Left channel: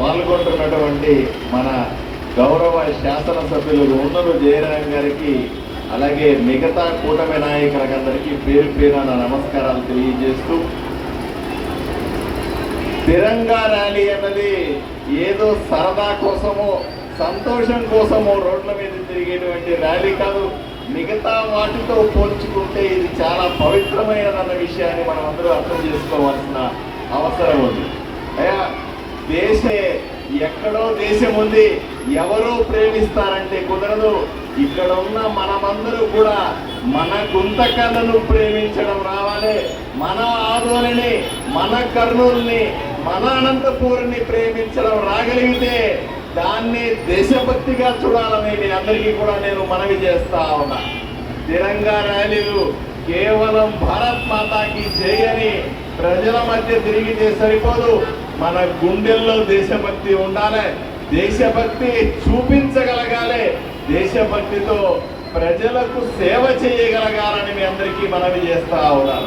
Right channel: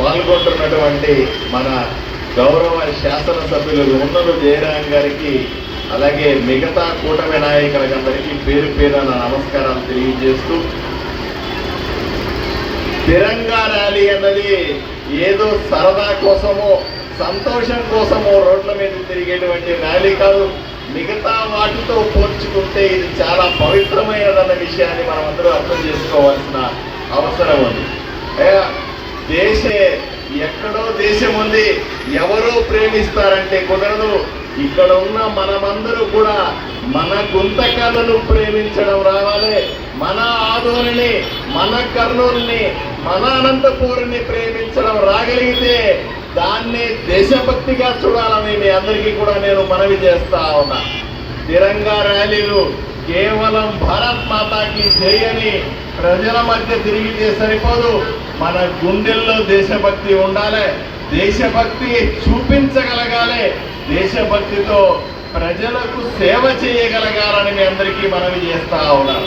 పాల్గొంటున్నటువంటి మన గౌరవ శాసనసభ్యులు ఉన్నలు జయరాం గారికి అలాగే మిగతా కూటమి నాయకులందరికీ పేరు పేరున నమస్కారాలు తెలియజేస్తూ తిరంగా ర్యాలీ అన్నది ఏదో సరదా కోసమో సంతోషం కోసమో రోడ్ల మీద తిరిగేటువంటి ర్యాలీ కాదు మిగతా వాటితో పోల్చుకుంటే ఇది చాలా పవిత్రమైనదన్న విషయాన్ని మనం అందరూ అర్థం చేసుకోవాల్సిన అవసరం ఉంది. దేశ ఎక్కడో దేశం ఉంది. ఎవరో ప్రేమిస్తారంటే కుదరదు. ఇక్కడ ఉన్న మనమందరూ కూడా మన గుంతకలను ప్రేమించడం రావాలి. మన ఆదోళని మన కర్నూలుని మన అనంతపూర్ని ప్రేమించడం రాగలిగితే దాన్ని దేశభక్తిగా చూడాలని మీ అందరికీ కూడా నేను మనవి చేస్తా ఉన్నా. తిరంగా ర్యాలీలు కేవలం భారత్ మాతాకి చేయని ప్రజల మధ్య తిరిగితే సరిపోదు. మన గుండెల్లో దేశభక్తి ఉండాలి. దేశభక్తి చూపించగలగాలి. దేశభక్తితో ప్రజలకు సేవ చేయగలగాలని మీ అందరికీ మనవి చేస్తా ఉన్నాను.